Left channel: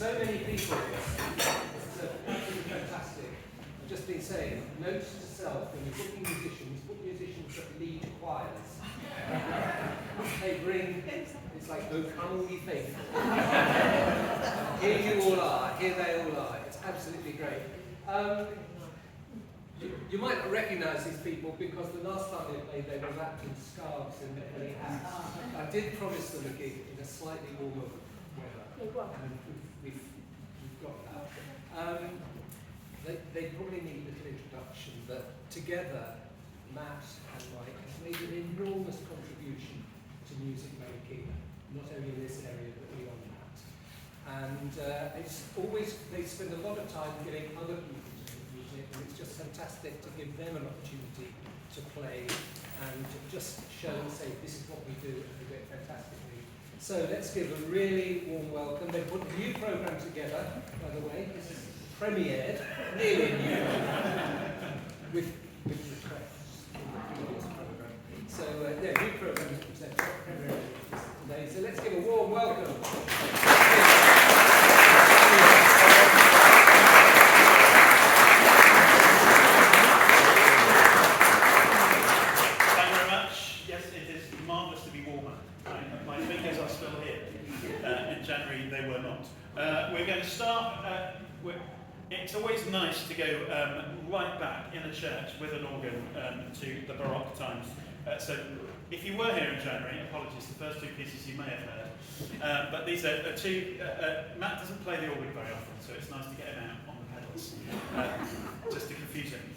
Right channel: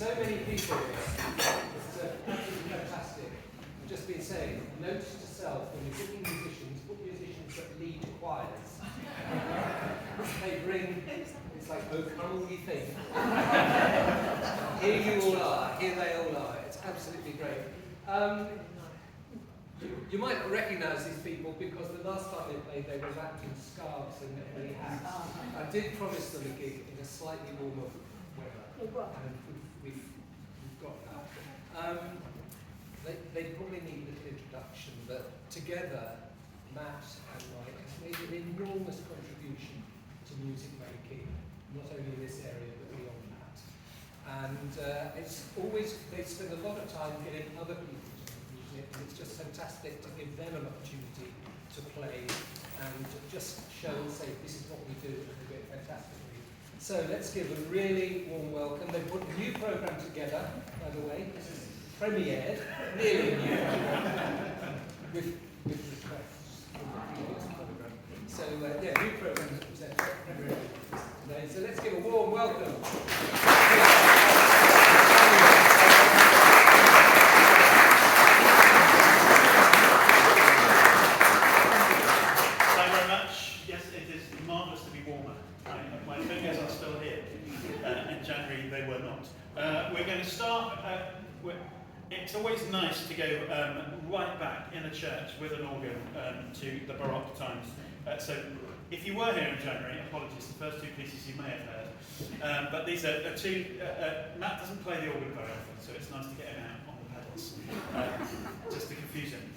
so many people here. It's absolutely fantastic. I've just been saying, note to self, when you're booking musicians, book musicians that lead choirs. They bring, it's like, oh, come all ye faithful. Here you all are, here they all are. It's absolutely great. You might not recognise these people because the last time they played, they were wrapped in scarves and many hats. I did promise them a gig in a slightly warmer weather, and we've got that. They probably need a little introduction, but together, Matt and Mike has made an enormous contribution to music making, not only in this area but beyond that. And it's always, they spend a lot of time getting other people to make music, and it's just fantastic to give them an opportunity to play and just show and say, this is what we do, and they do it fantastically. So let's give a really warm welcome. They put a new programme together, by the way. This is premiered, nearly new, with respect from the previous programme. So yeah, new programme to present, premiered today. So let's give a warm welcome. They were not. We're going to start. It's always nice to go right back in a church with an organ to the Baroque times. So if you were here in January, apologies, the first two pieces you may have heard. But these are two. Matt doesn't play the organ very often, so it's nice to get him out on the pedals, just to confuse him.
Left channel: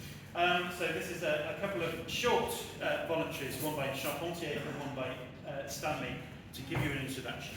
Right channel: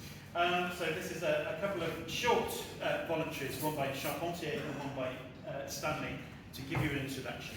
So this is a couple of short voluntaries, one by Charpentier and one by Stanley, to give you an introduction.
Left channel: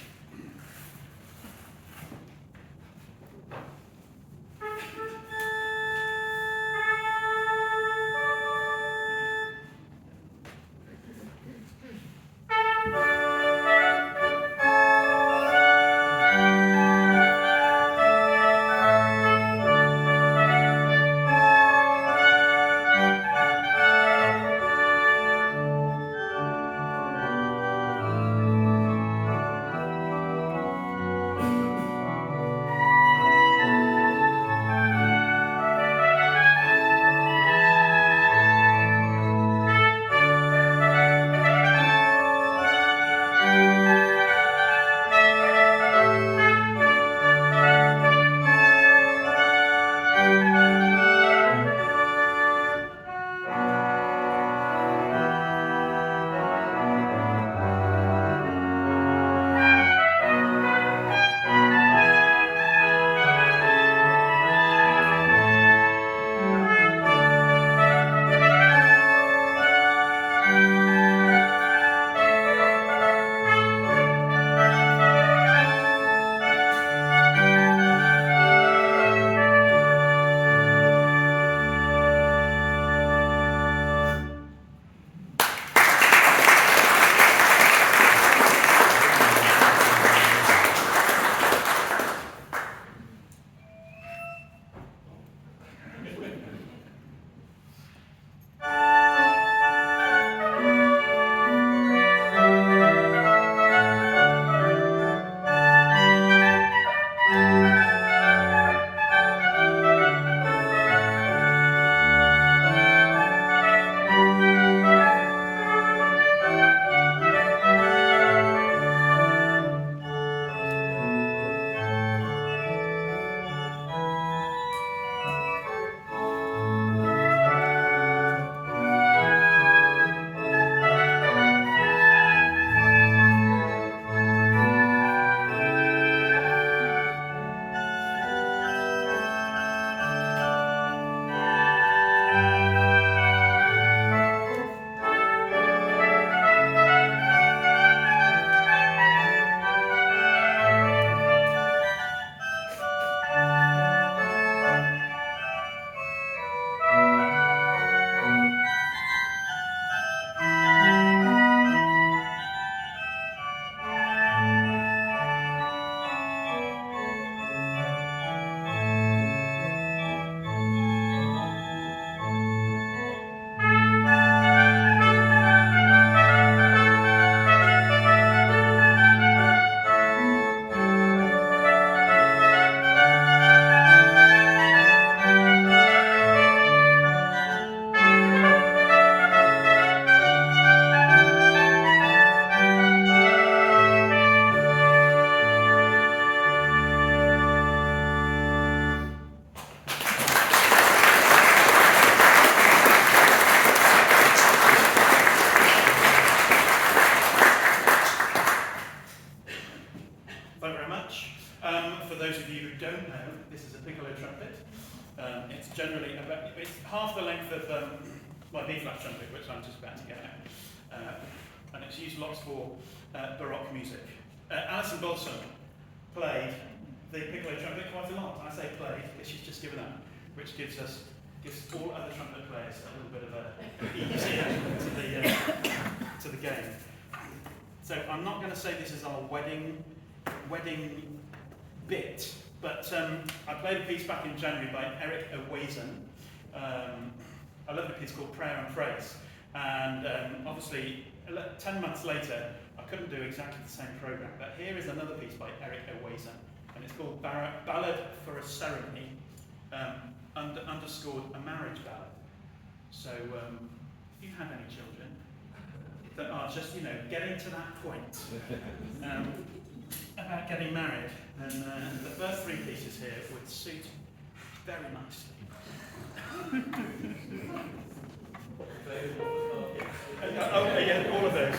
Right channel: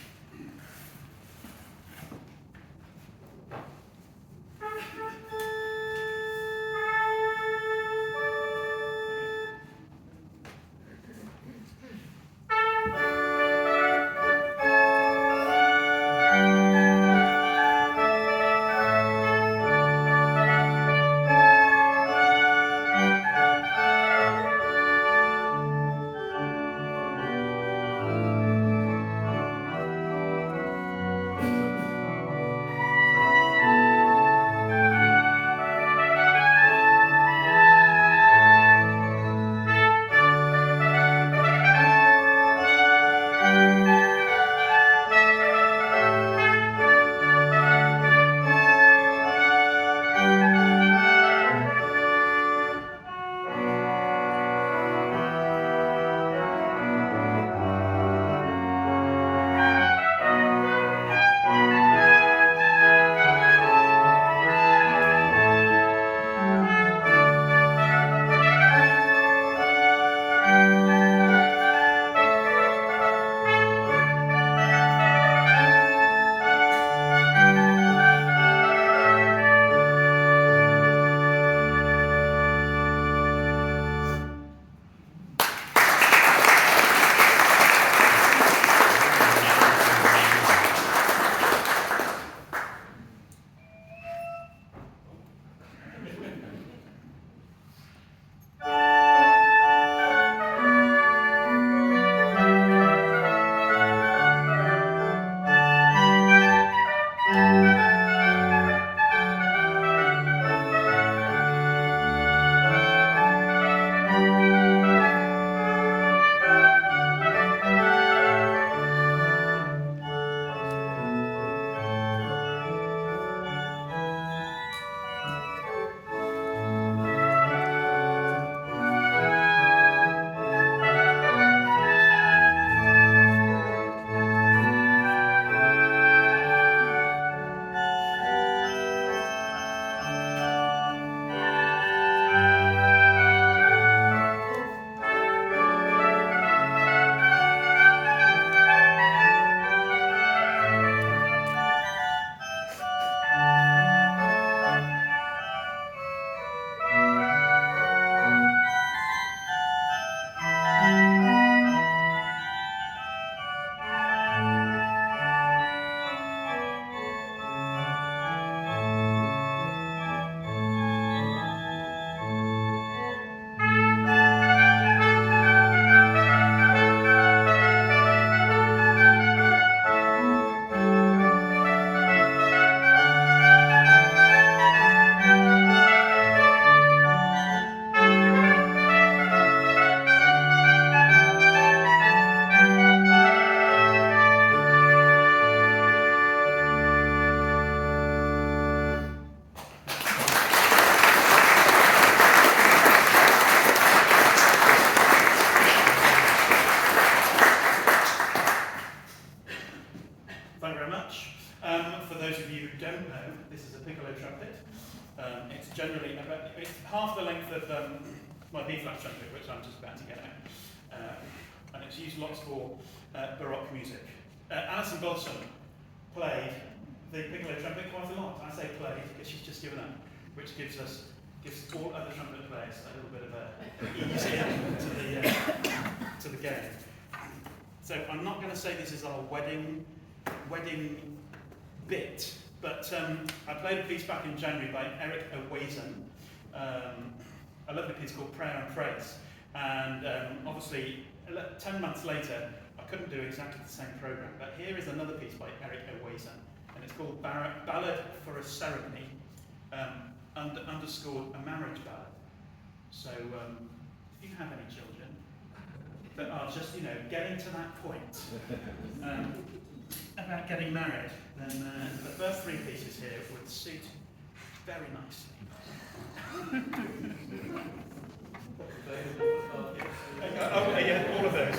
It's generally it's half the length of my B-flat trumpet, which I'm just about to get out. And it's used lots for Baroque music. Alison Balsom played the piccolo trumpet quite a lot. I say played because she's just given up, which gives all other trumpet players a little bit of a easy to the game. So I'm not going to say this is our wedding bit, but I played a piece back in January by Eric Owazen. I love the piece called Prayer and Praise, and obviously 10 months later I couldn't do exactly the same programme, but here is another piece by Eric Owazen, and it's called Ballad for a Ceremony, underscored a marriage ballad. So if you have any children that are just, getting to that point about getting married, then the first three pieces here would suit very nicely. Yeah, all of those.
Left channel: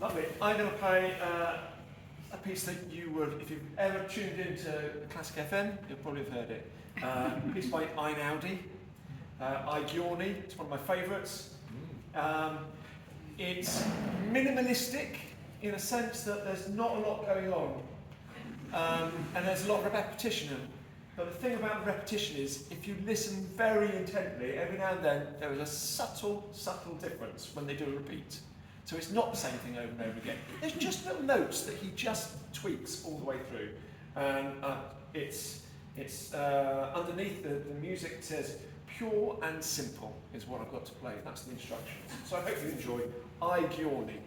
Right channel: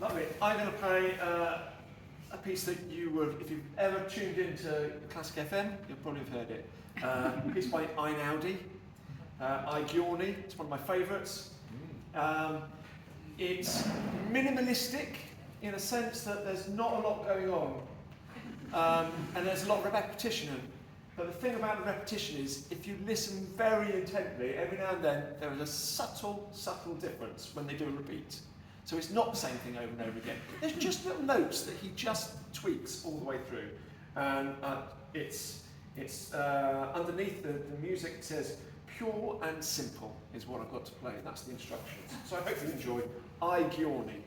Lovely. I'm going to play a piece that you would, if you've ever tuned into Classic FM, you'll probably have heard it. A piece by Einaudi, I Giorni. It's one of my favourites. It's minimalistic in a sense that there's not a lot going on, and there's a lot of repetition. But the thing about the repetition is, if you listen very intently, every now and then there is a subtle difference when they do a repeat. So it's not the same thing over and over again. There's just little notes that he just tweaks all the way through, and it's underneath the music says pure and simple is what I've got to play. That's the instructions. So I hope you enjoy I Giorni.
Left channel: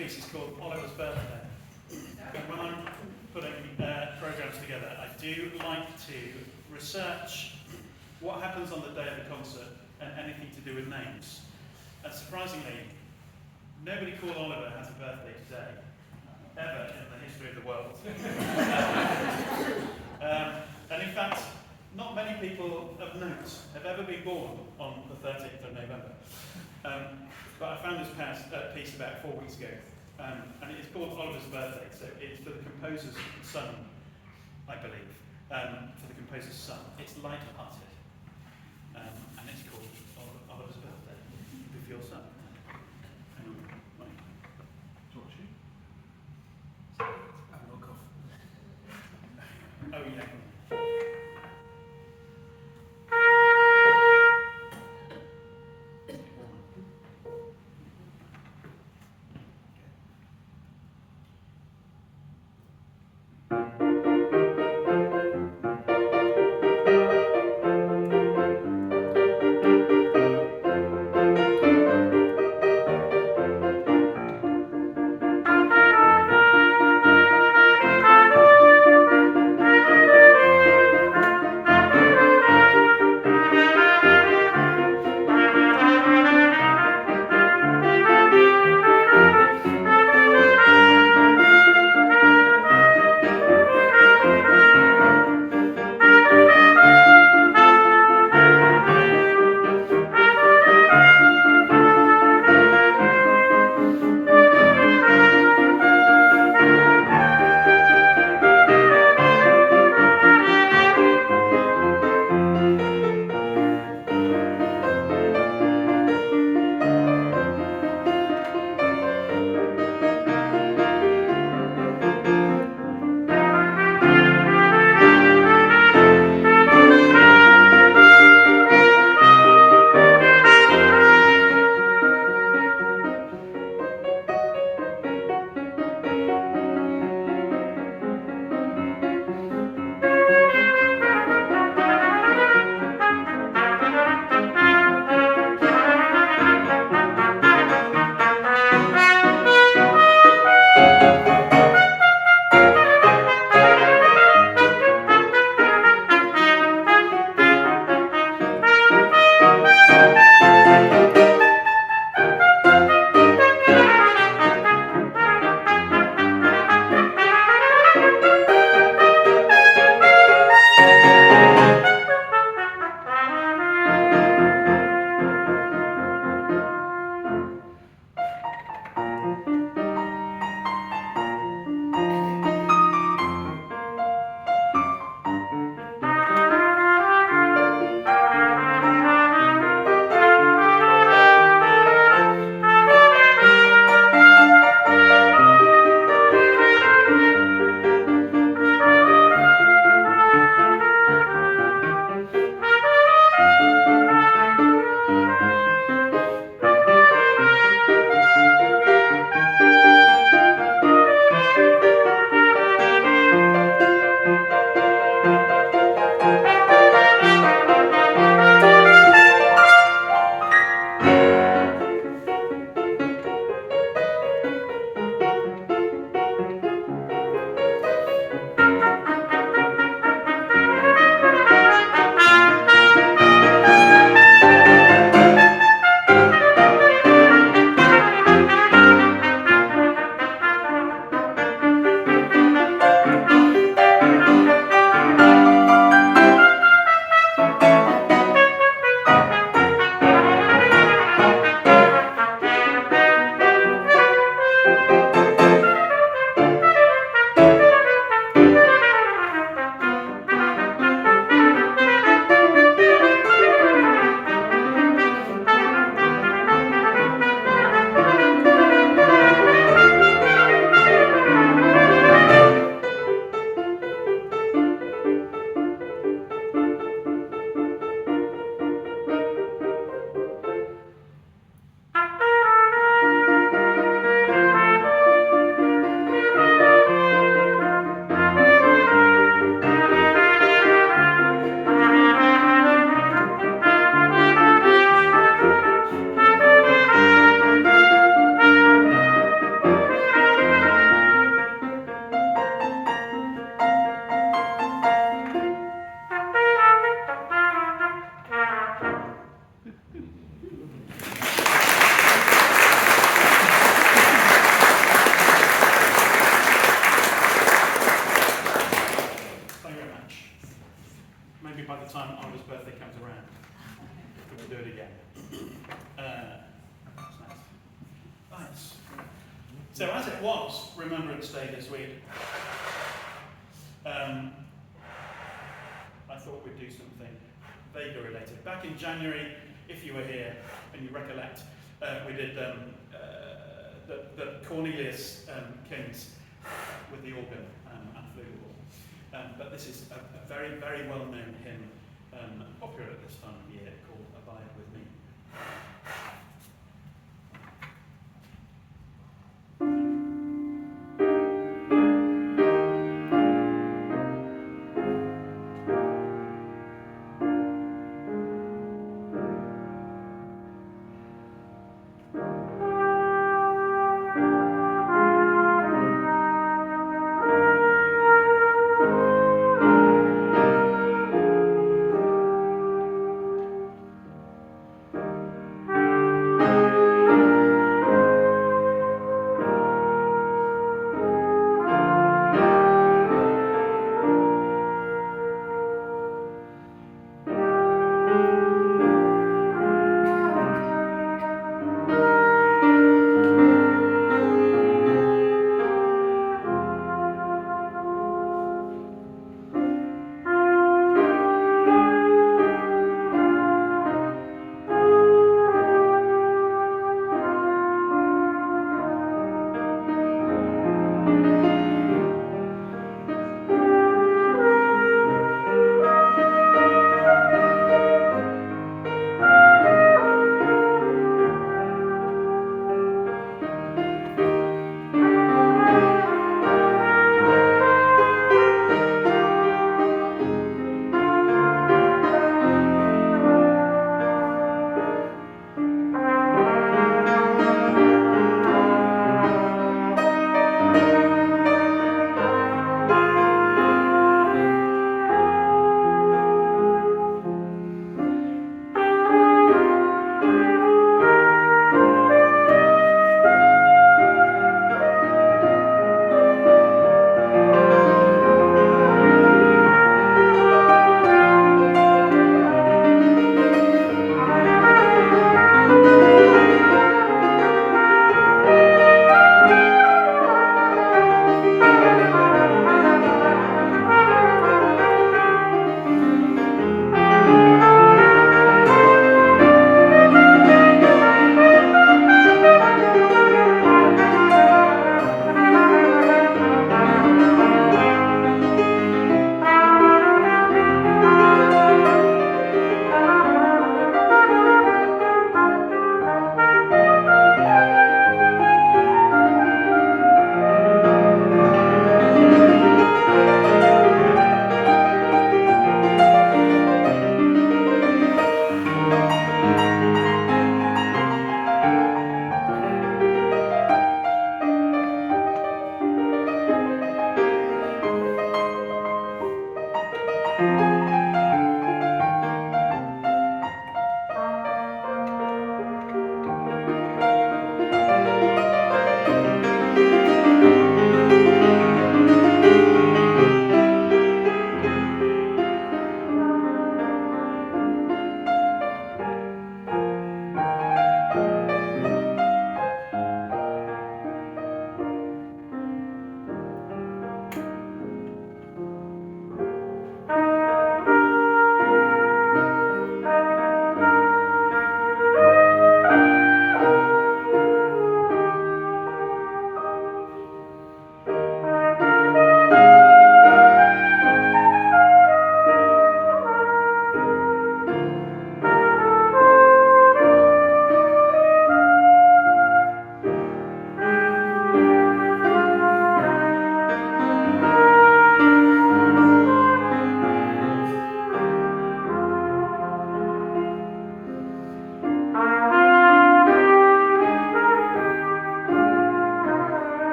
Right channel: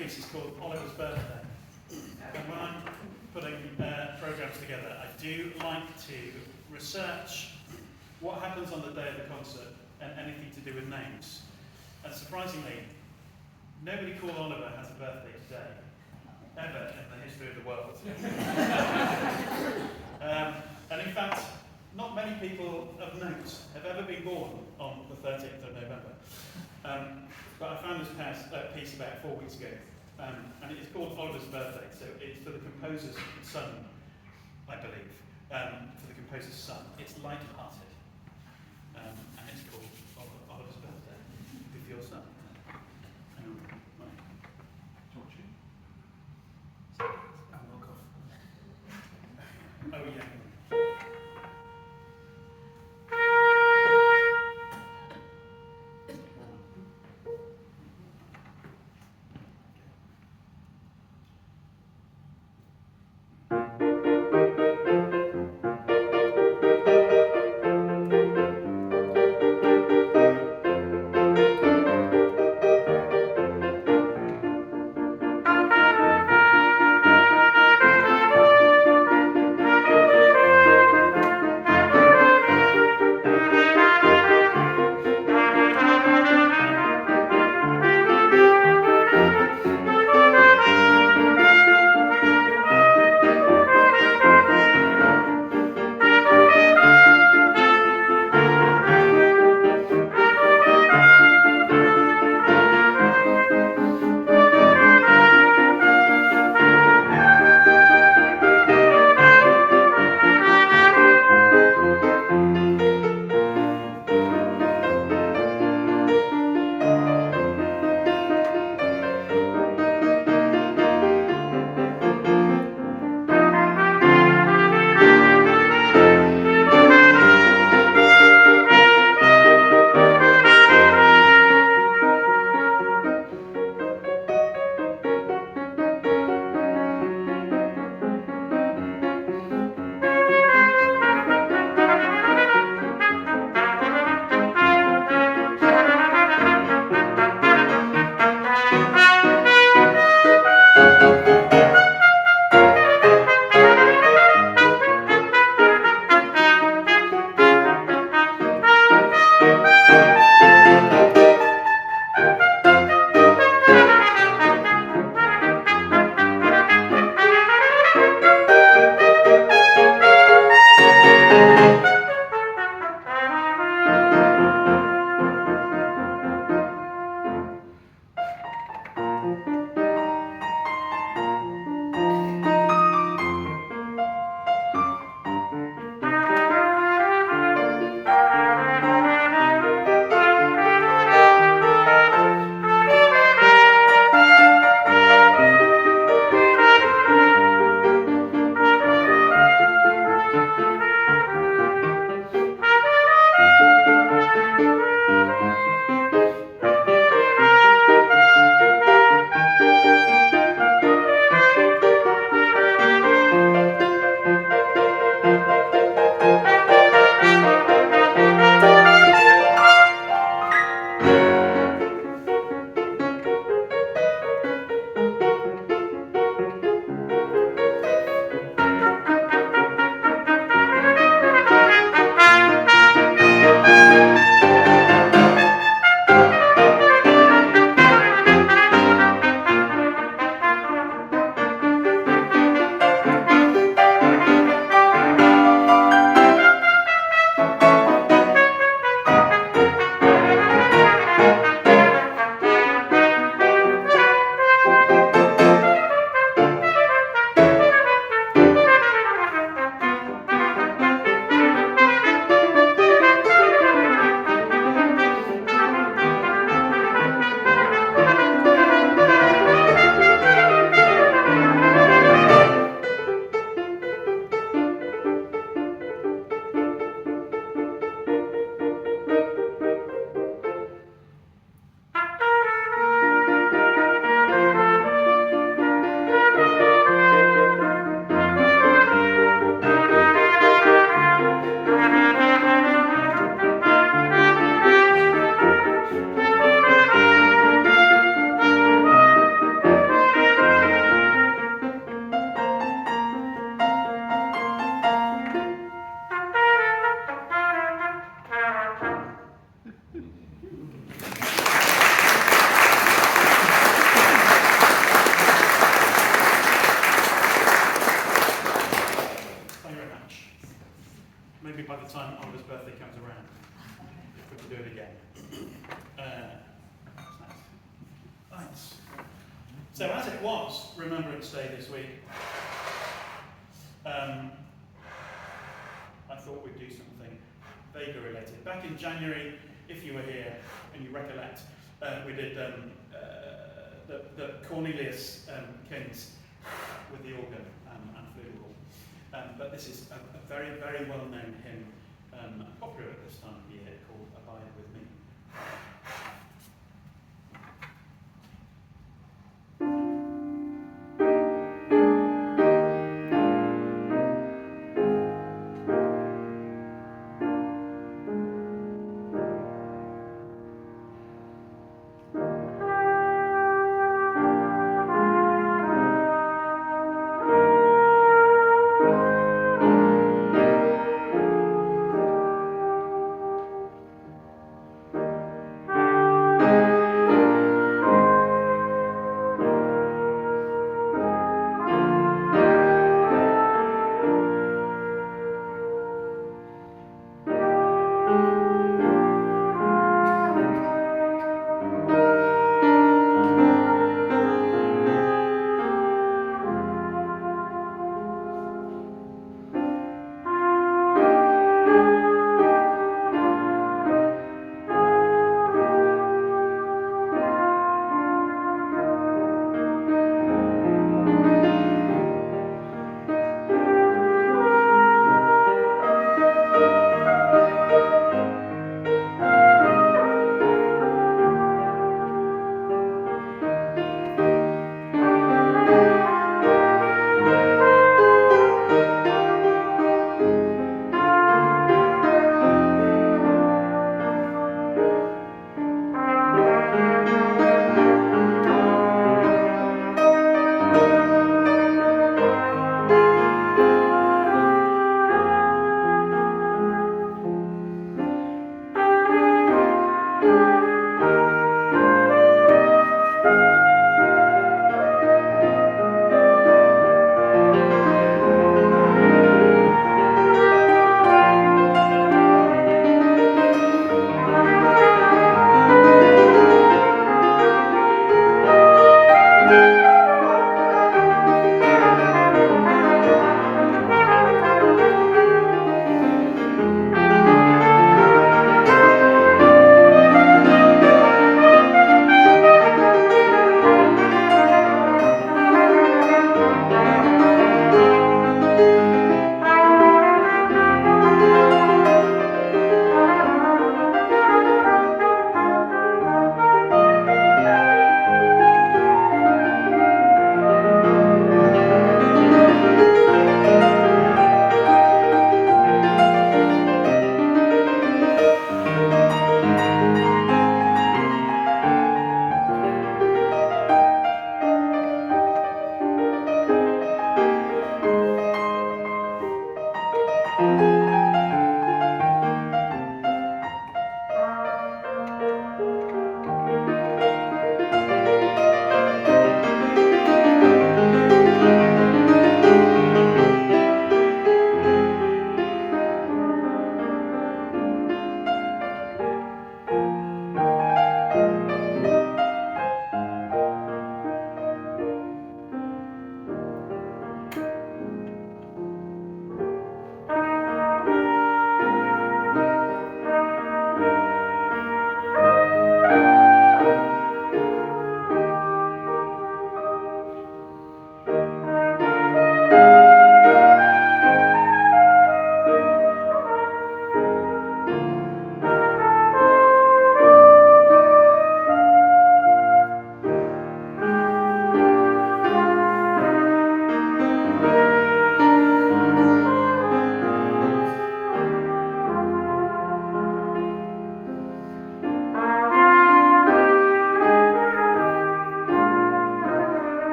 piece is called Oliver's Birthday. And when I'm putting programmes together, I do like to research what happens on the day of the concert and anything to do with names. And surprisingly, nobody called Oliver has a birthday today, ever in the history of the world. And in fact, not many people of note have ever been born on the 13th of November. But I found this piece about 4 weeks ago, and it's called Oliver's Birthday, so it's for the composer's son, I believe, for the composer's son. It's light-hearted, and it's called Oliver's Birthday, with your son. Hang on, right. Talk to you. I'm not cough. Oh, yeah. So as it was Remembrance Day this week, I thought we'd do something Vega related. Back in January, if you were here and you recollect, we did the Cornelius Kings with the organ and flugelhorn. But this is a very, very well-known hymn, popular at this time of year, called Abide With Me.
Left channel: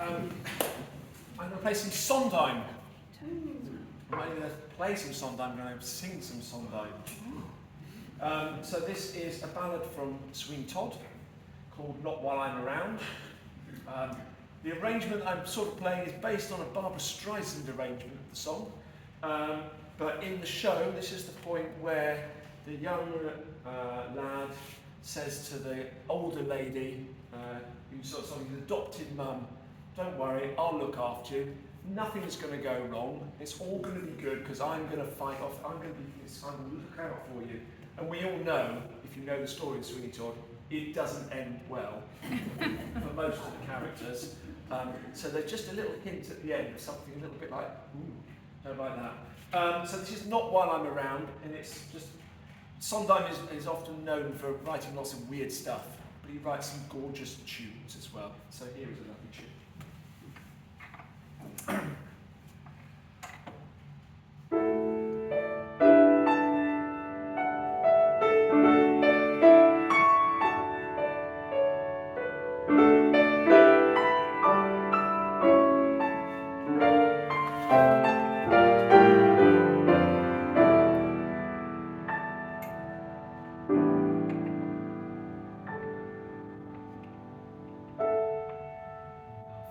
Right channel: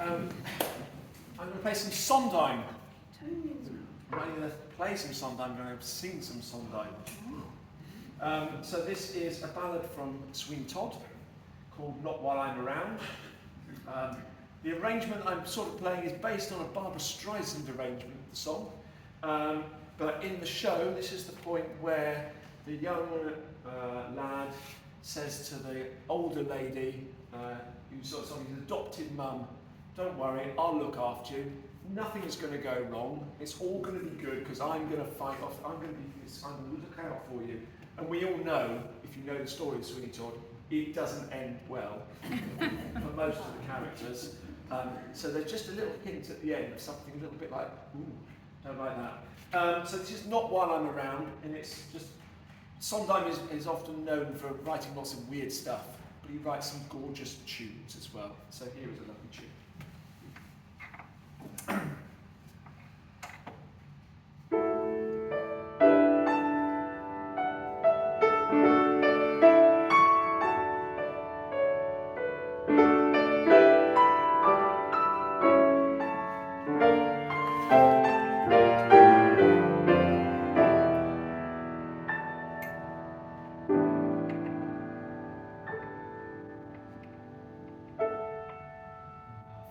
I'm going to play some Sondheim. I'm not going to play some Sondheim, I'm going to sing some Sondheim. So this is a ballad from Sweeney Todd called Not While I'm Around. The arrangement I'm sort of playing is based on a Barbra Streisand arrangement of the song. But in the show, this is the point where the young lad says to the older lady, who's sort of his adopted mum, don't worry, I'll look after you. Nothing's going to go wrong. It's all going to be good because I'm going to fight off. I'm going to look out for you. And we all know, if you know the story of Sweeney Todd, it doesn't end well for most of the characters. So there's just a little hint at the end of something a little bit like, ooh, don't like that. So this is Not While I'm Around, and it's just, Sondheim is often known for writing lots of weird stuff, but he writes some gorgeous tunes as well. So here is a lovely tune.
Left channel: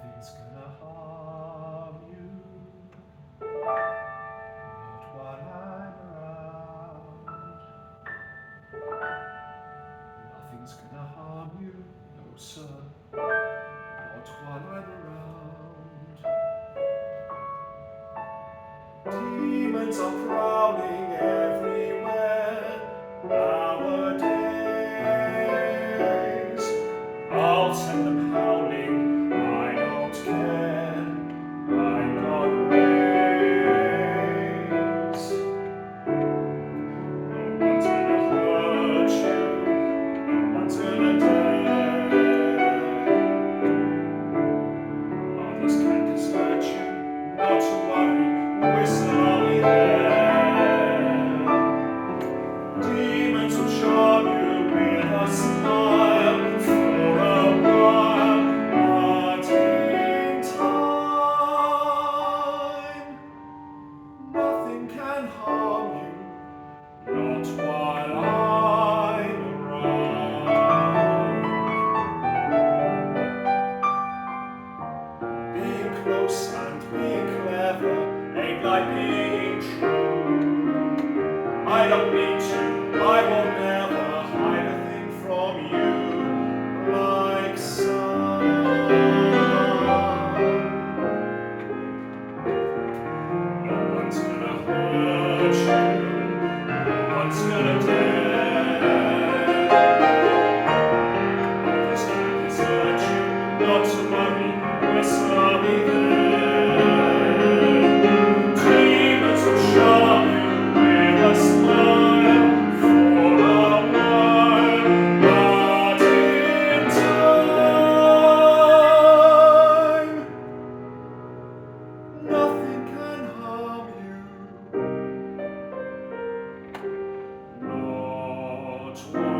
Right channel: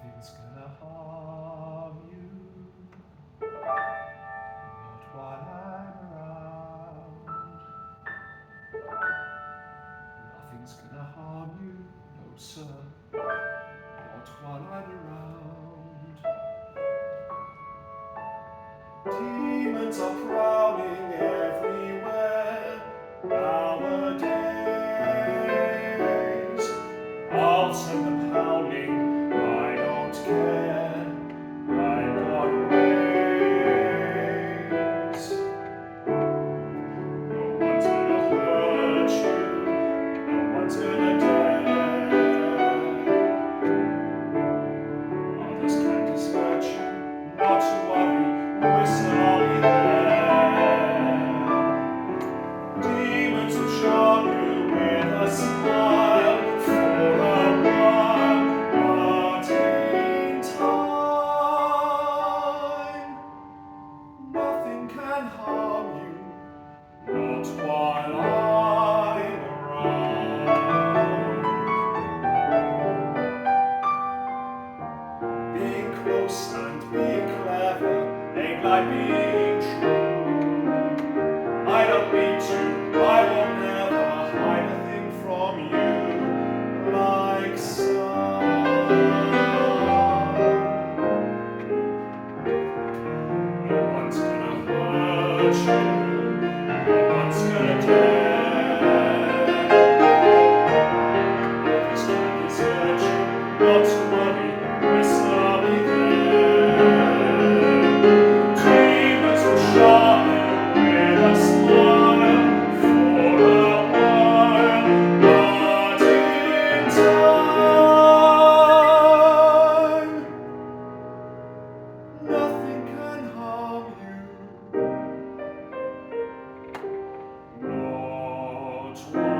Nothing's gonna harm you, not while I'm around. Nothing's gonna harm you, no sir, not while I'm around. Demons are prowling everywhere nowadays. I'll send them howling. I don't care, I got ways. No one's gonna hurt you, no one's gonna dare. Others can desert you, not to worry, I'll be there. Demons will charm you with a smile for a while. But in time, nothing can harm you, not while I'm around. Being close and being clever ain't like being true. I don't need to, I will never hide a thing from you, like sun. No one's gonna hurt you, no one's gonna dare. Others can desert you, not to worry, I'll be there. Demons will charm you with a smile for a while, but in time, nothing can harm you, not while I'm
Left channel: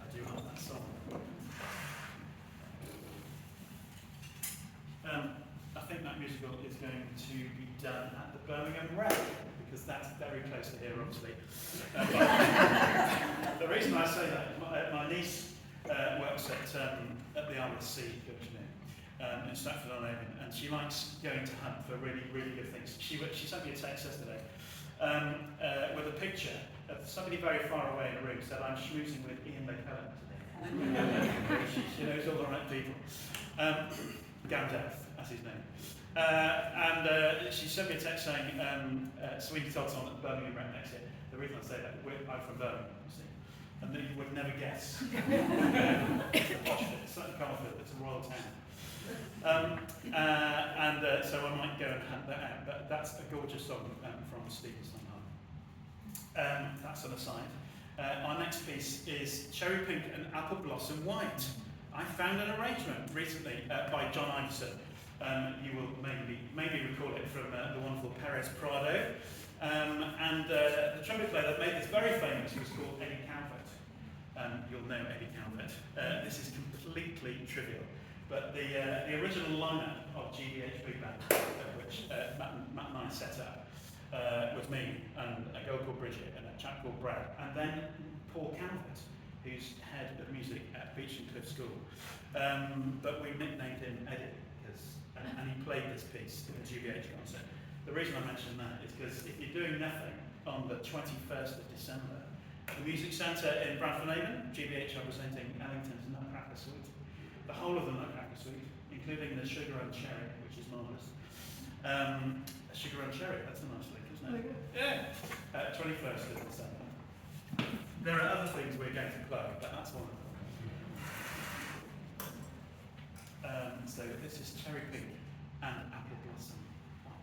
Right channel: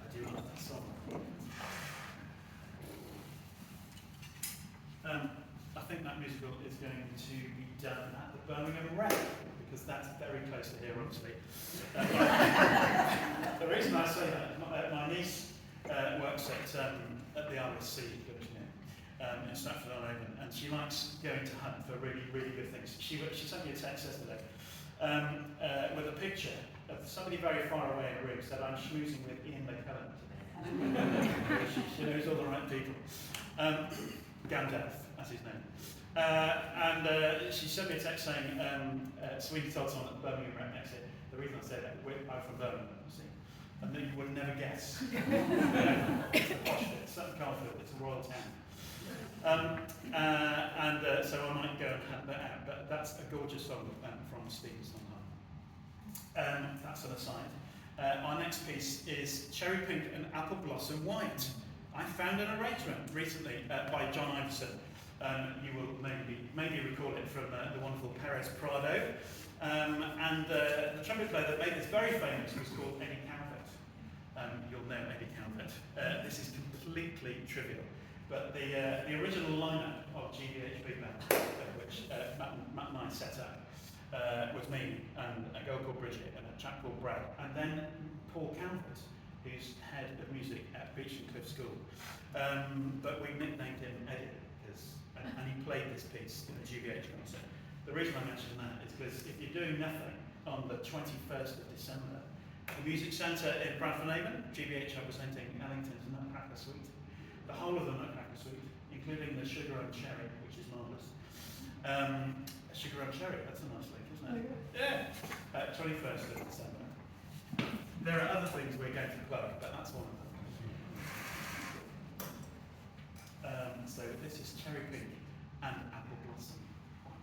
I do love that song. I think that musical is going to be done at the Birmingham Rec, because that's very close to here, obviously. The reason I say that, my niece works at the RSC in Stratford-on-Avon, and she likes going to hunt for really, really good things. She sent me a text yesterday with a picture of somebody very far away in a room, said, I'm schmoozing with Ian McKellen. She knows all the right people. Gamdeth, that's his name. And she sent me a text saying, Sweeney Todd's on at Birmingham Rec next year. The reason I say that, I'm from Birmingham, you see. and that you would never guess. It's the posh bit, certainly Carfield, it's a royal town. So I might go and hunt that out, but that's a gorgeous song from Stephen Sondheim. That's an aside. Our next piece is Cherry Pink and Apple Blossom White. I found an arrangement recently by John Iveson. You will maybe recall it from the wonderful Perez Prado. The trumpet player that made this very famous was called Eddie Calvert. You'll know Eddie Calvert. This is completely trivial. But the original lineup of GBH Big Band, which Matt and I set up, was me and a girl called Bridget and a chap called Brad, and then Paul Calvert, who's head of music at Beach and Cliff School. But we nicknamed him Eddie, and he played this piece in the GBH concert. The reason I mention that is because if you're doing nothing on the 21st of December, the Music Centre in Bradford-on-Avon, GBH are presenting Ellington's Nutcracker Suite. The whole of the Nutcracker Suite, including the Sugar and Cherry, which is marvellous. Sugar and Cherry, that's a nice link, isn't it? Yeah. 21st of December. There are other things we're going to plug, but that's one of them. So this is Cherry Pink and Apple Blossom White.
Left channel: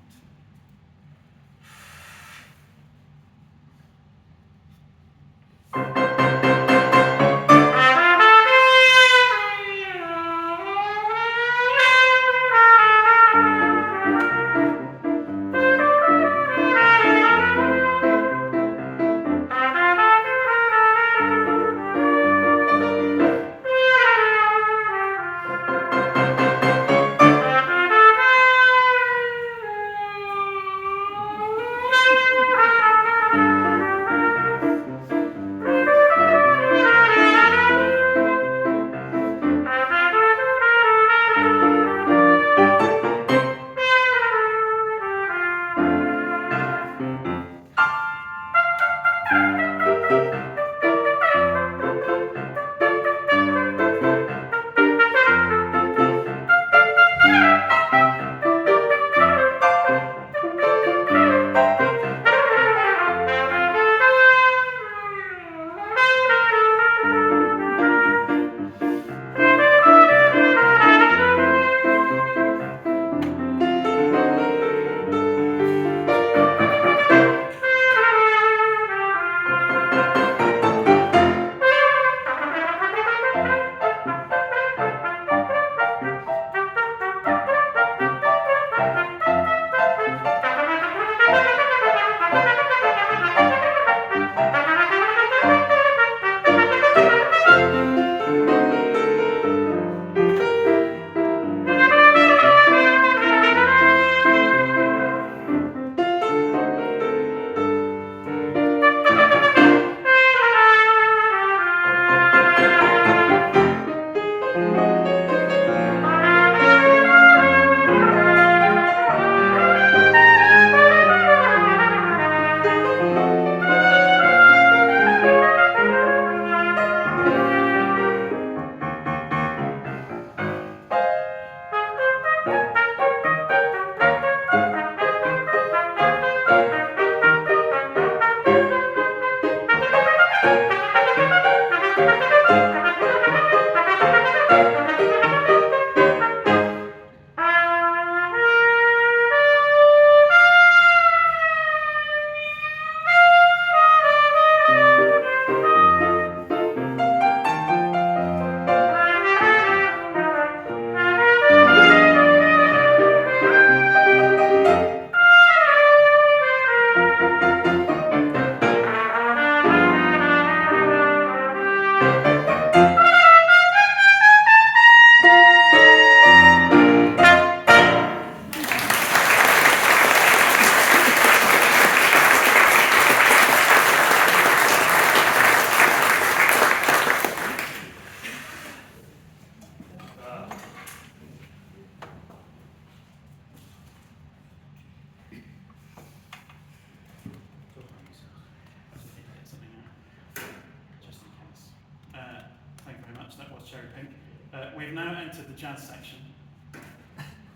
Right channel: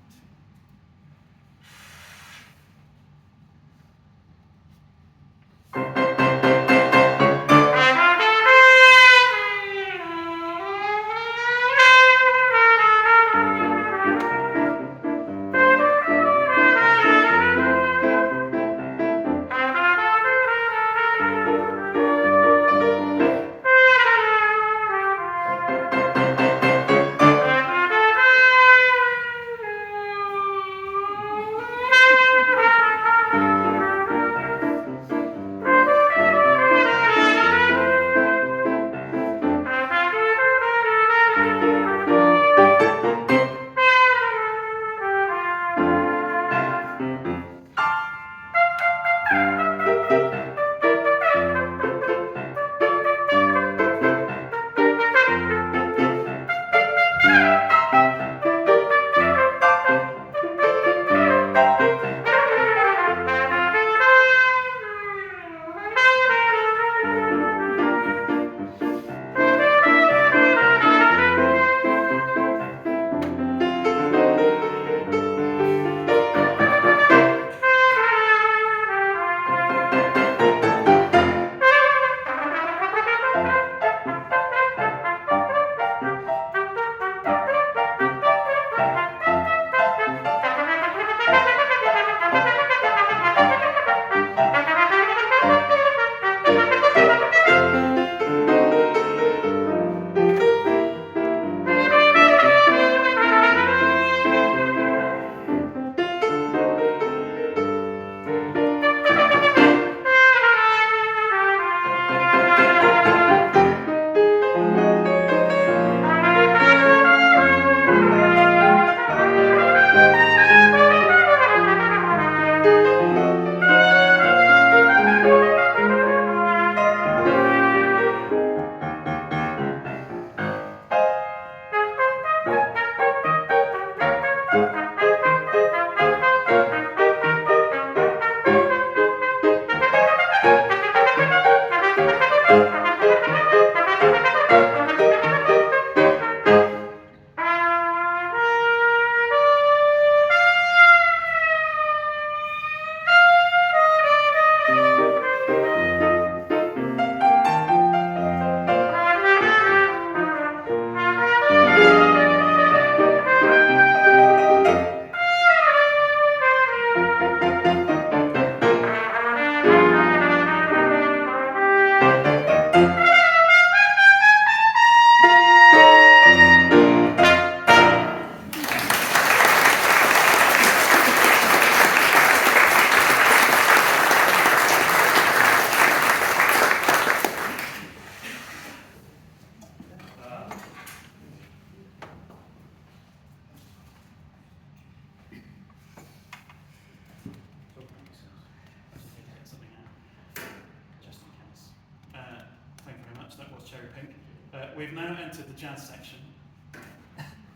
We've now entered the jazz section,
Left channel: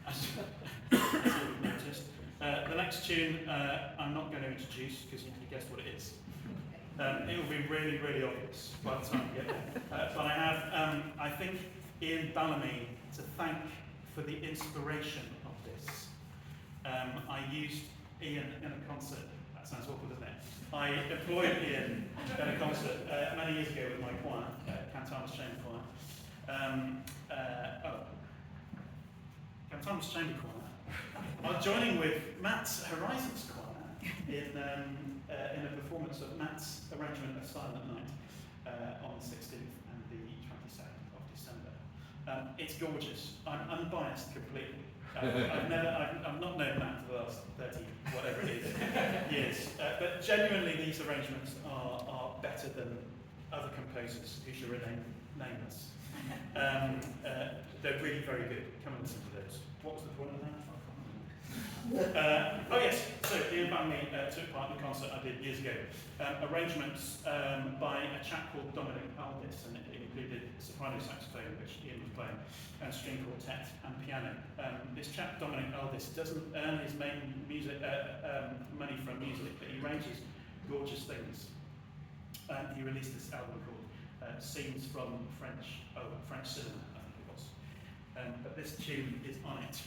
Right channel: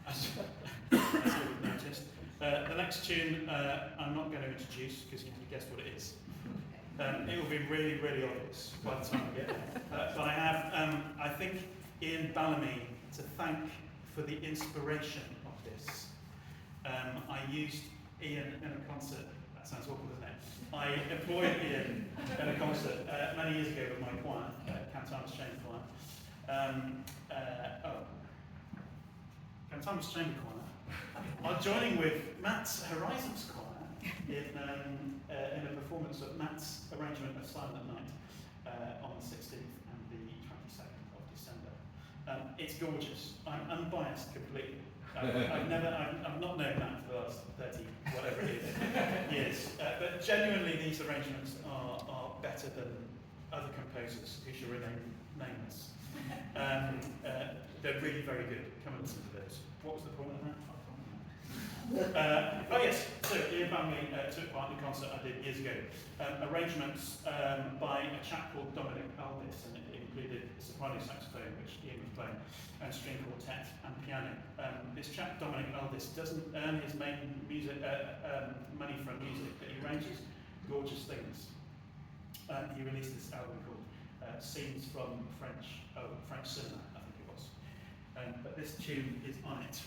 as you've noticed. The next tune I'm not going to introduce because you guessed what it is. It will be really, really obvious by the time we get there. But I have, I think, Ian Bellamy to thank for the inspiration of this. I used Ian in a concert. That sounds awful, doesn't it? I employed Ian in a concert many years ago with my choir, Cantamus Chamber Choir. Cantamus Chamber Choir are joining with Matt's Horizons Choir in a performance of Matt's arrangement of Silent Night on the 16th and the 22nd of December. It's gorgeous. I'm unbiased completely. I've not known Matt for the last 30, whatever it is, years. But genuinely, these arrangements are better than other composers who shall remain nameless. They're really very good. Come and listen to those. What was the point of that? Oh yes, so Ian Bellamy took part in a concert I did years ago. Arrangements by a chap called Dominic Aldis, and it included soprano saxophone, which Ian was playing, and string quartet and piano. This chap, Dominic Aldis, doesn't earn his main music money from music, but he arranges gorgeous things. He released this album called Scenes from French cinema, I think it was. But this tune is on it.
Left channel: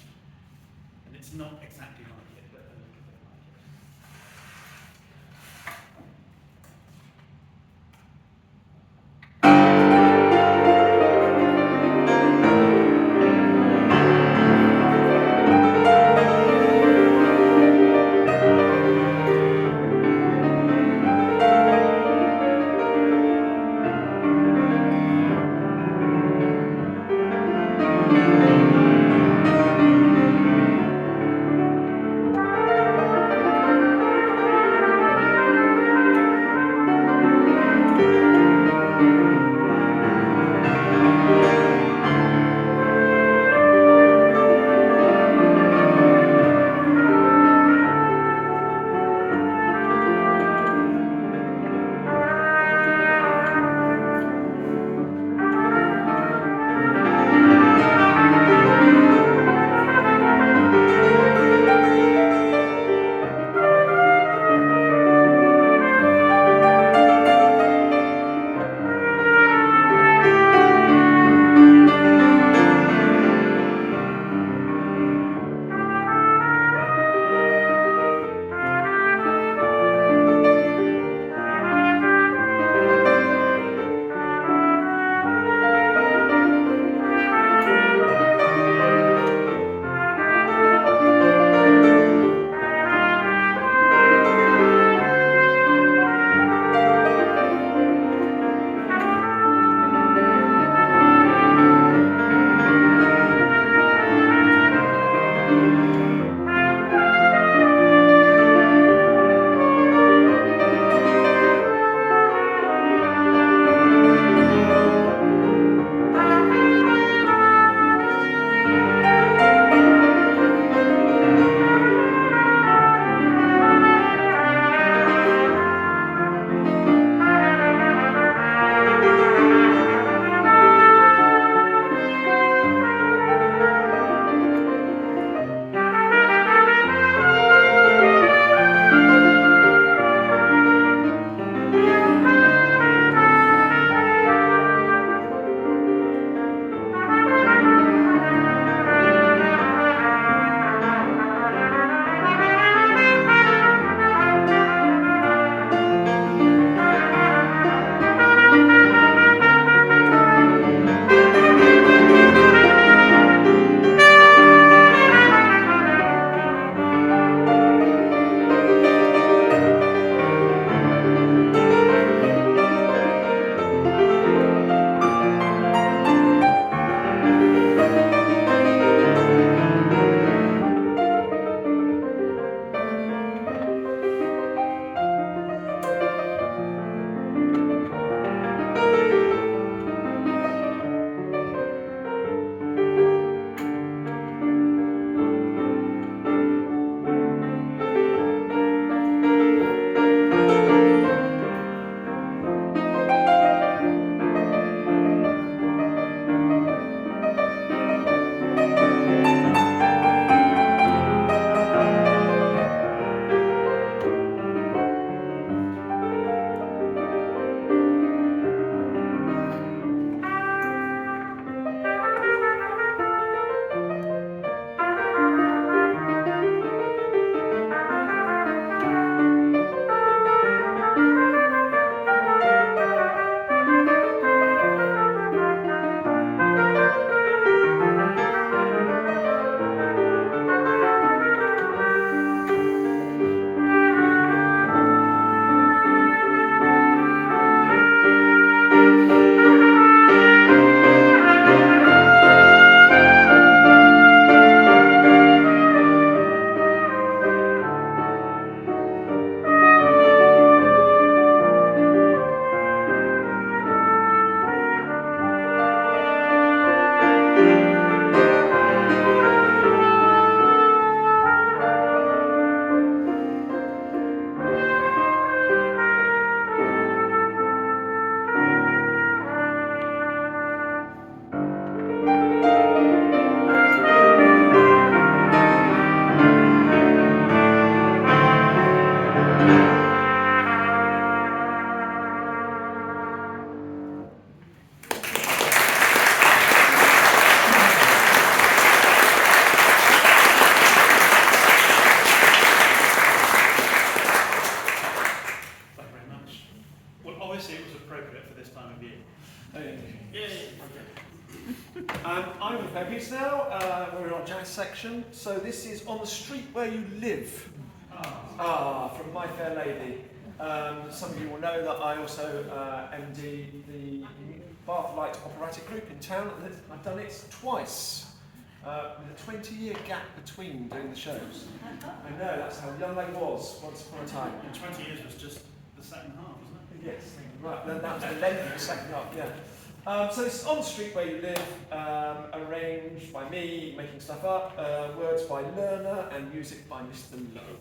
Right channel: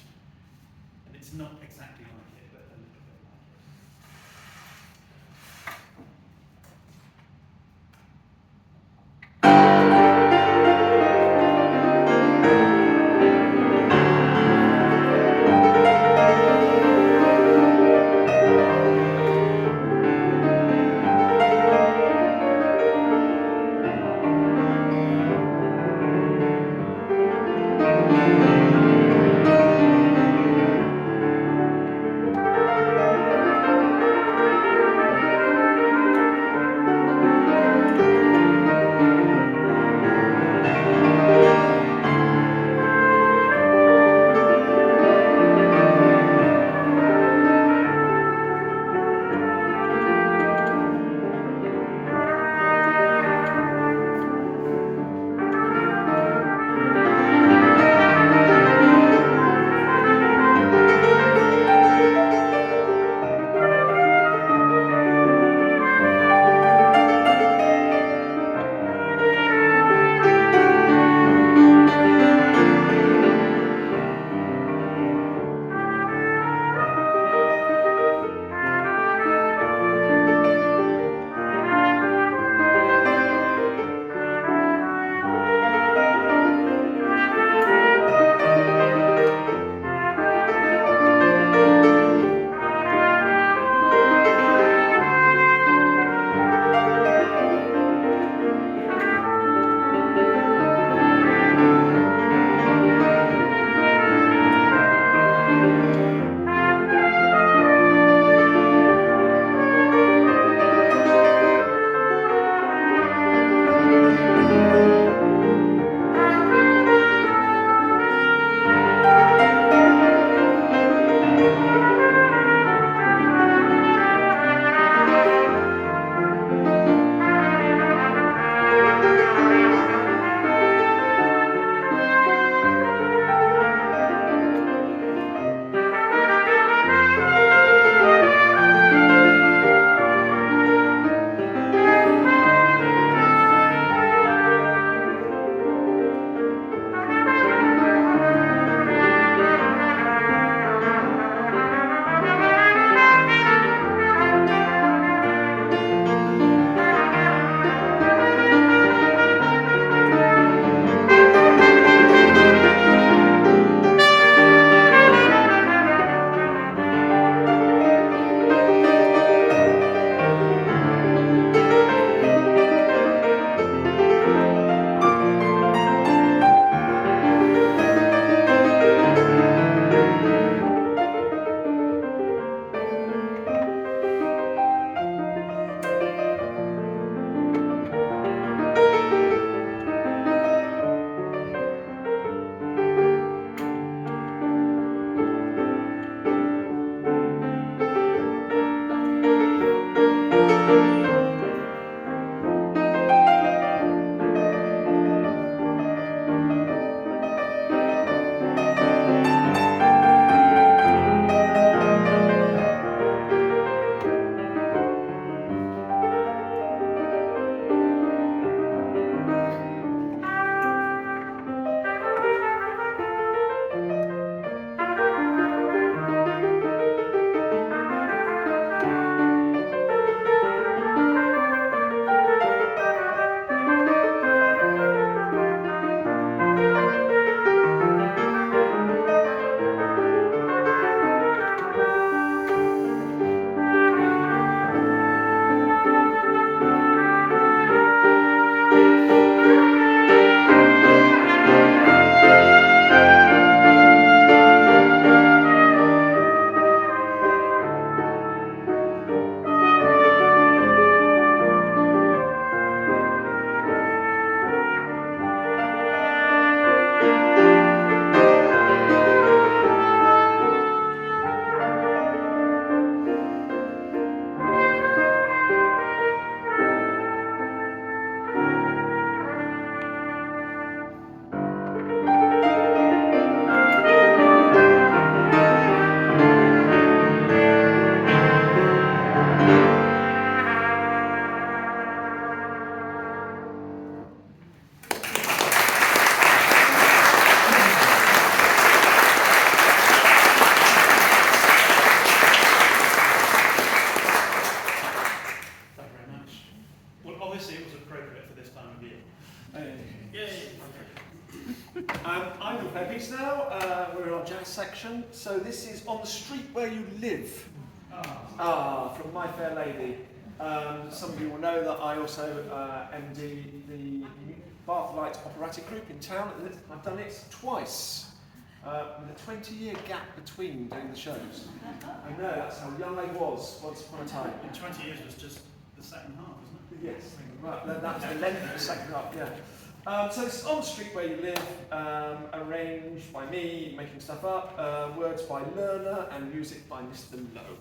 And it's not exactly like it, but a little bit like it. Yay! I'm with Peggy's now. We're in our jazz section. So this is On the Street Where You Live. From My Fair Lady. Some of you will know that I also MD the Bath Light Operatic Group in town. I've done it twice, with a 20-year gap between doing the shows. I know, that's how young I was once upon a time. In 20 years was just the second half, isn't it? Yes, right. That was the length of the second half, yeah. So it's On the Street Where You Live, arranged by me, making stuff up, words by Lerner, and music by Mr. Lowe.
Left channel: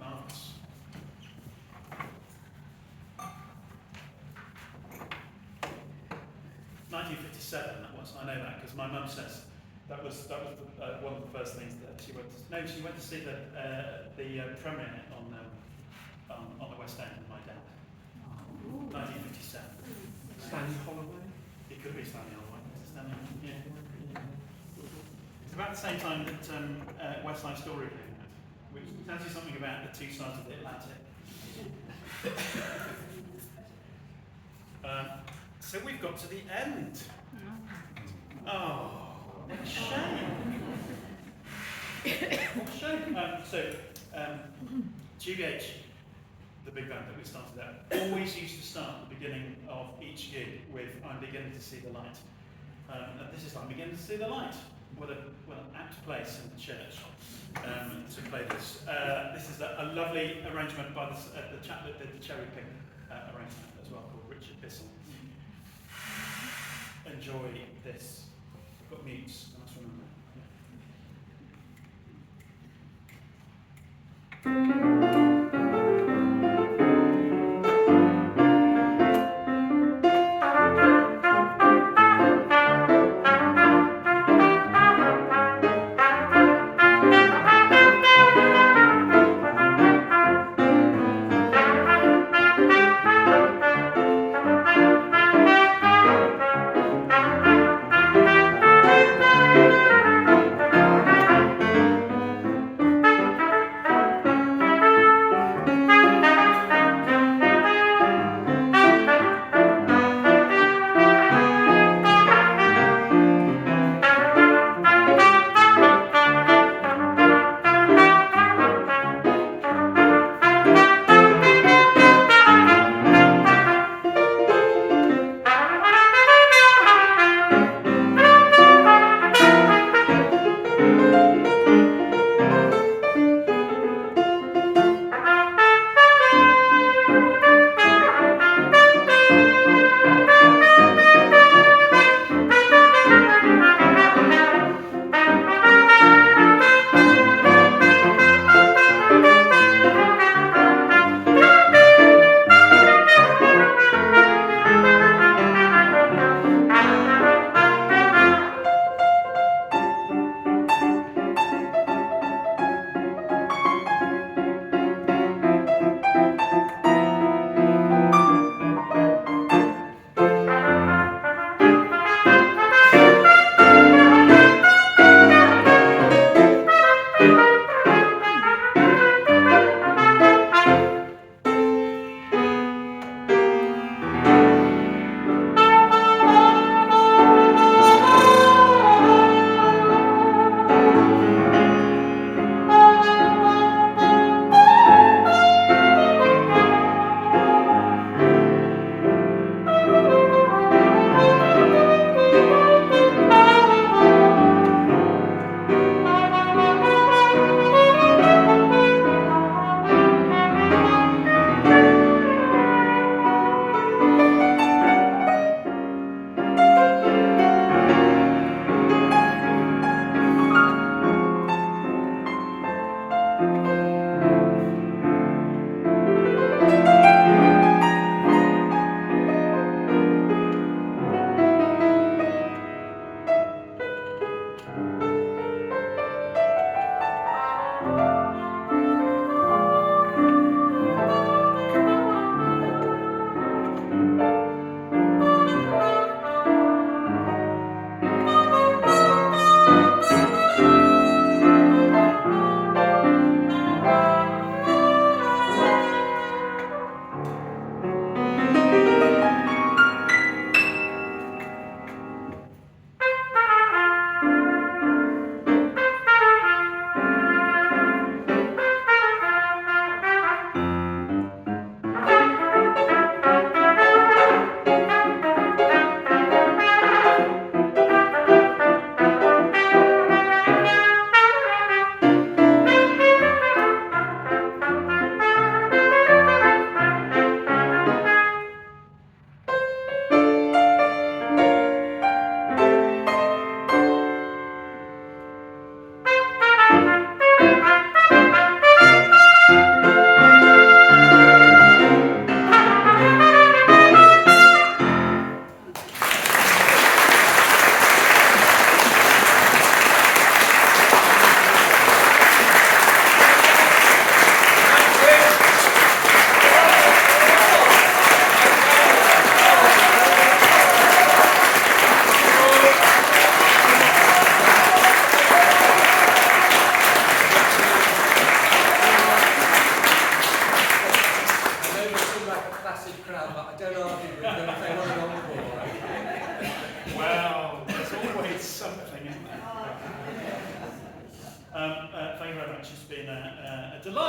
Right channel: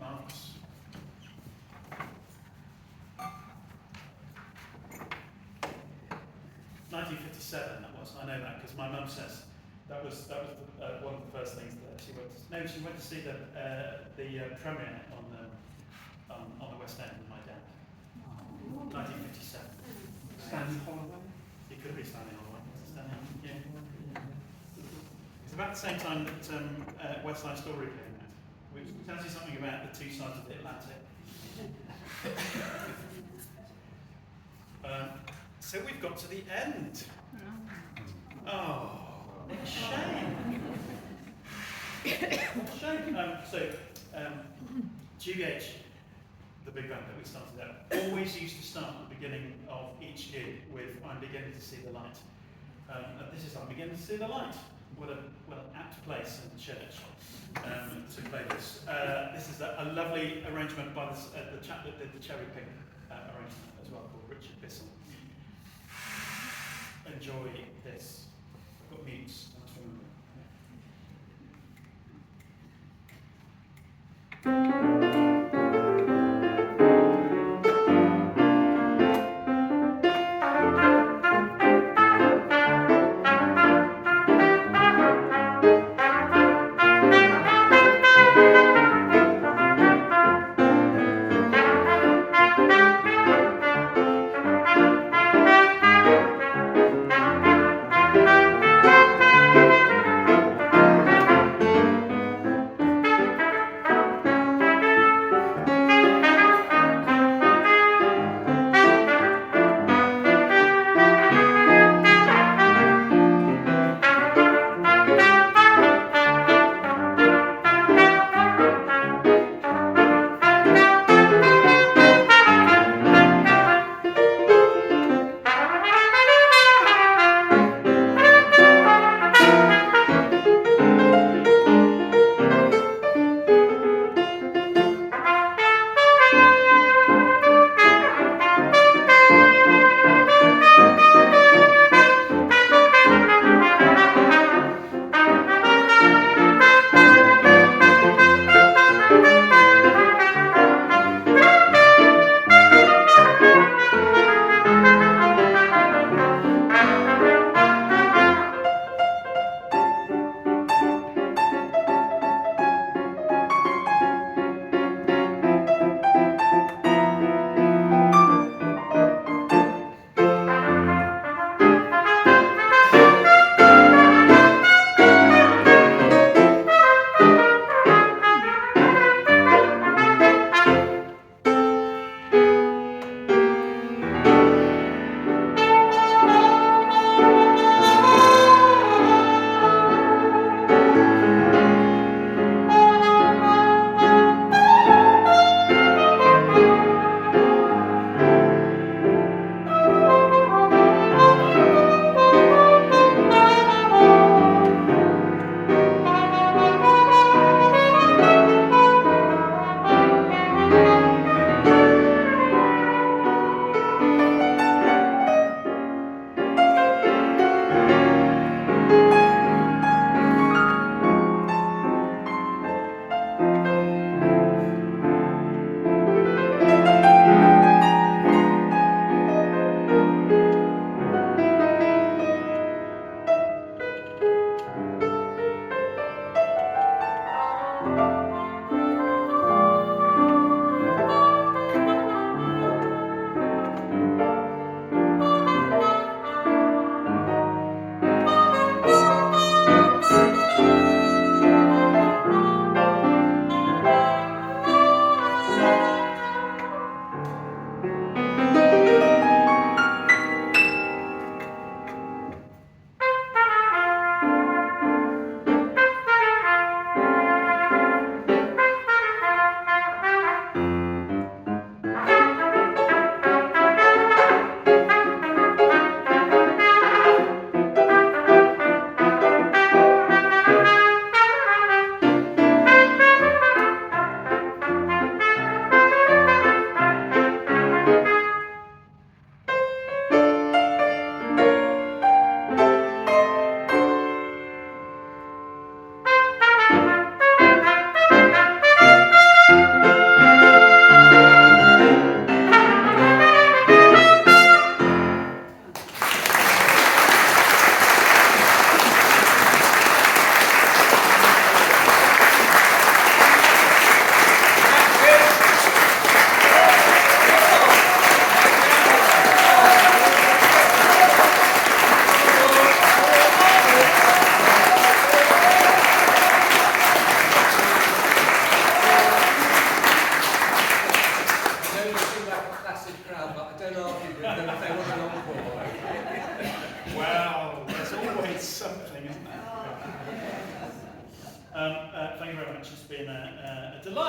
Marvellous. 1957, that was. I know that because my mum says That was one of the first things that she went to. No, she went to see the premiere on the West End with my dad. 1957. Stanley Holloway. It could be Stanley Holloway. Yeah. It's about the same time that West Side Story came out, which tells you something about the two sides of the Atlantic. So we've got to the end. Oh, it's a shame. GBH, the big band that we started out, always used to start at the beginning of each gig with "I'm beginning to see the light." And this is "I'm beginning to see the light." What an apt place in the church to play this. This is a lovely arrangement by the chap that did the Cherry Pink arrangement as well, called Richard Bissell. Enjoy this. I've got mutes, I must remember.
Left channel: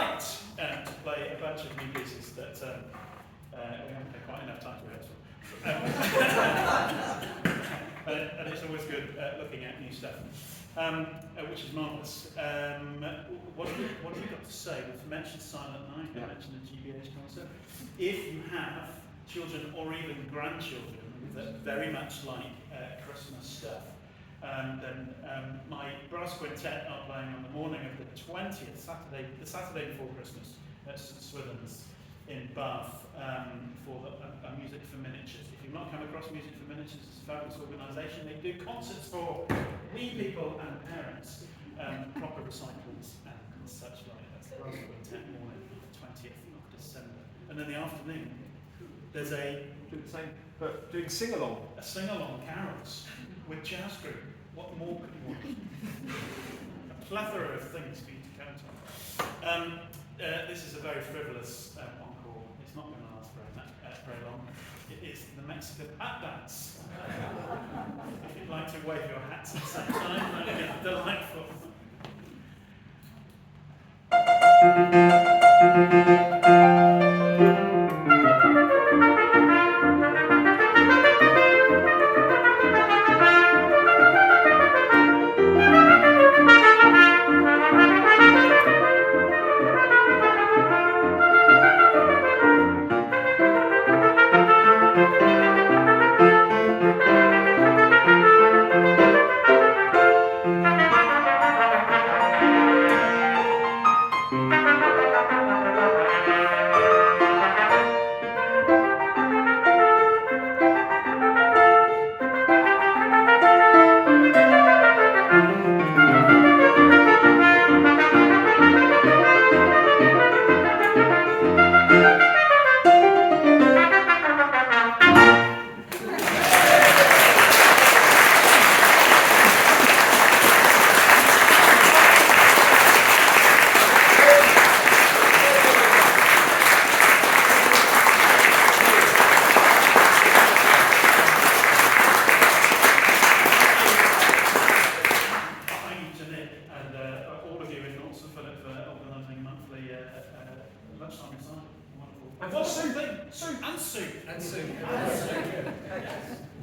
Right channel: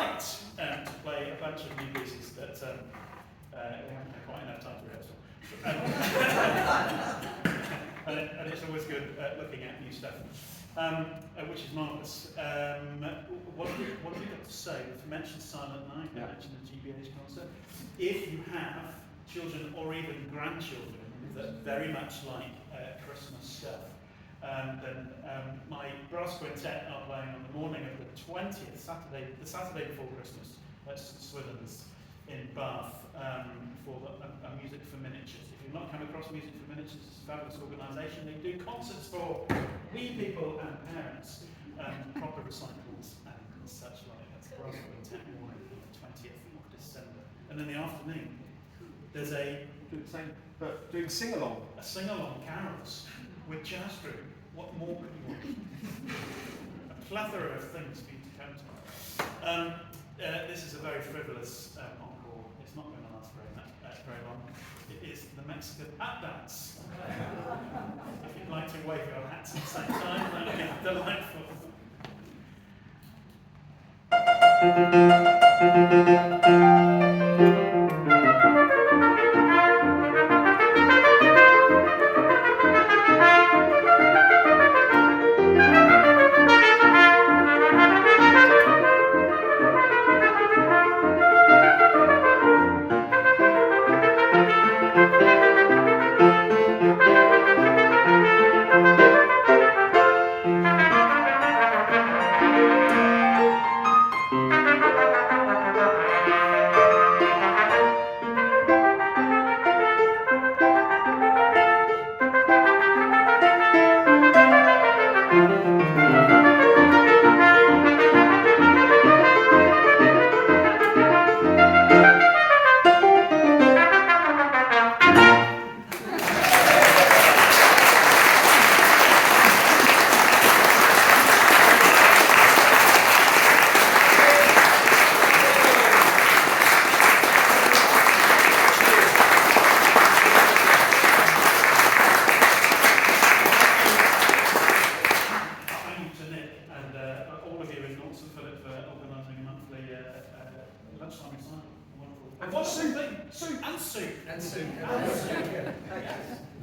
delight to play a bunch of new pieces that we haven't had quite enough time to rehearse. And it's always good looking at new stuff, which is marvellous. What have we got to say? We've mentioned Silent Night, we mentioned the GBH concert. If you have children or even grandchildren that very much like Christmas stuff, then my brass quintet are playing on the morning of the 20th, the Saturday before Christmas, at Swithin's in Bath for a Music for Miniatures. If you've not come across Music for Miniatures, it's a fabulous organisation. They do concerts for wee people and parents, proper recitals and such like. That's the brass quintet morning, the 20th of December. And in the afternoon, there's Do the same, but doing sing-along. a sing-along carols with jazz group. What more could you want? A plethora of things for you to count on. This is a very frivolous encore. It's not going to last very long. It is the Mexican hat dance. If you'd like to wave your hats at the same time, that would be delightful.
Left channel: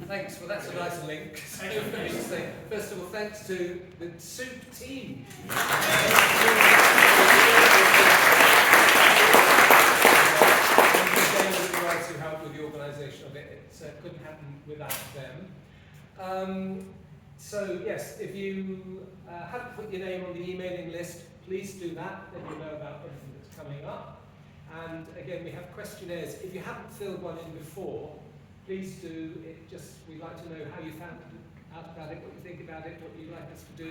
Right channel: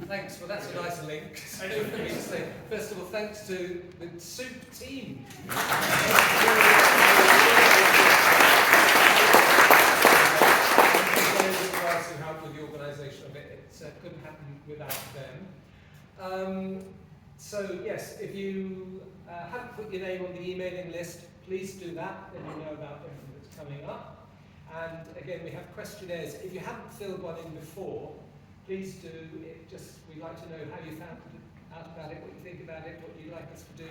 Thanks. Well, that's a nice link. First of all, thanks to the Soup team. Who helped with the organisation of it. It couldn't happen without them. So yes, if you haven't put your name on the emailing list, please do that. Then you know about everything that's coming up. And again, we have questionnaires. If you haven't filled one in before, please do. We'd like to know how you found out about it, what you think about it, what you'd like us to do.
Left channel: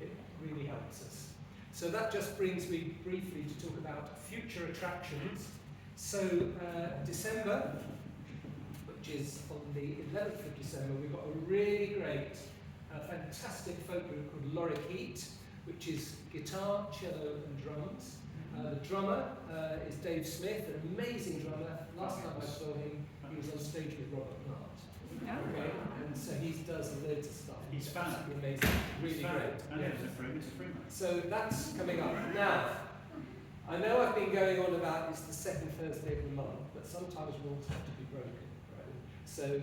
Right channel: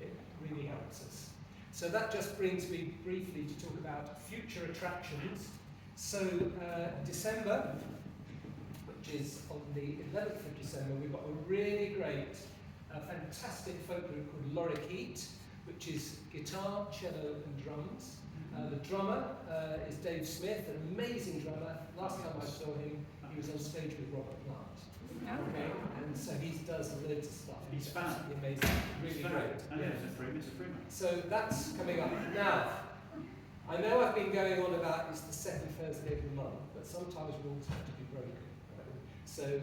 It really helps us. So that just brings me briefly to talk about future attractions. So December, which is on the 11th of December, we've got a really great, fantastic folk group called Lorik Heat, which is guitar, cello and drums. The drummer is Dave Smith, an amazing drummer. Last time I saw him, he was on stage with Robert Plant. Okay? And so he does loads of stuff. He's found. Amazing, really great. Yeah. Yeah. It's a free man. So that's coming up. Now, I know I've been going on about it's the second Thursday of the month, but sometimes rules have to be broken. Right? So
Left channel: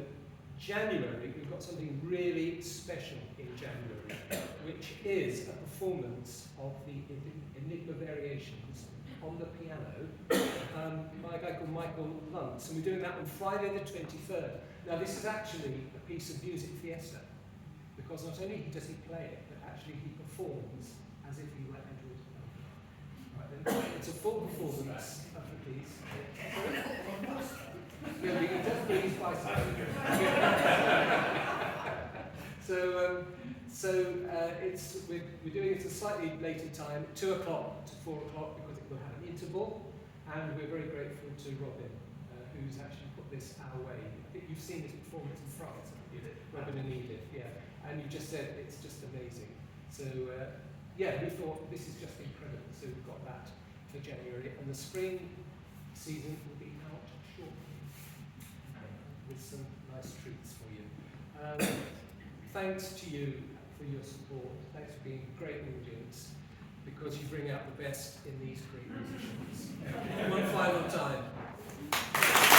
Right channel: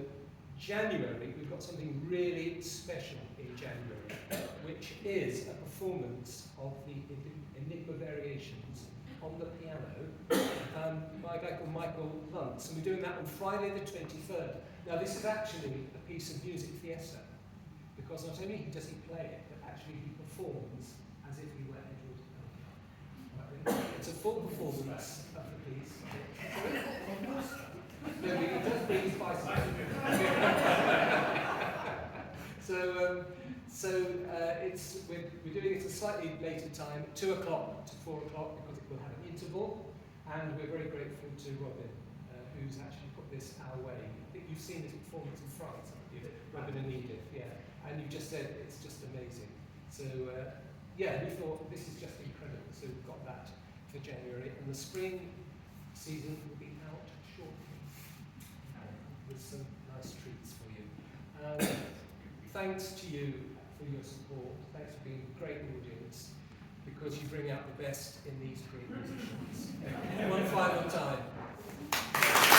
January, we've got something really special in January, which is a performance of the Enigma Variations on the piano by a guy called Michael Luntz, and we're doing that on Friday the 23rd. Now this is actually a piece of music fiesta, because not only does he play it, but actually he performs as if he were Edward Elgar. Right, it's a full performance of the piece. Yeah, he does bring his bicycle. We're doing it at a slightly later time, 2 o'clock to 4 o'clock, because it will have an interval, and we're very grateful to Robin, who's actually put this our way. I think you've seen this performance in France, haven't you? Robin and Edith, yeah. And you just said it's just amazing. So yeah, we thought this is just incredible. So we've got that for January, and the spring season will be out shortly with some nice treats for you. Thanks to you for your support. Thanks for being a great audience. because you bring out the best in these great musicians. One final time.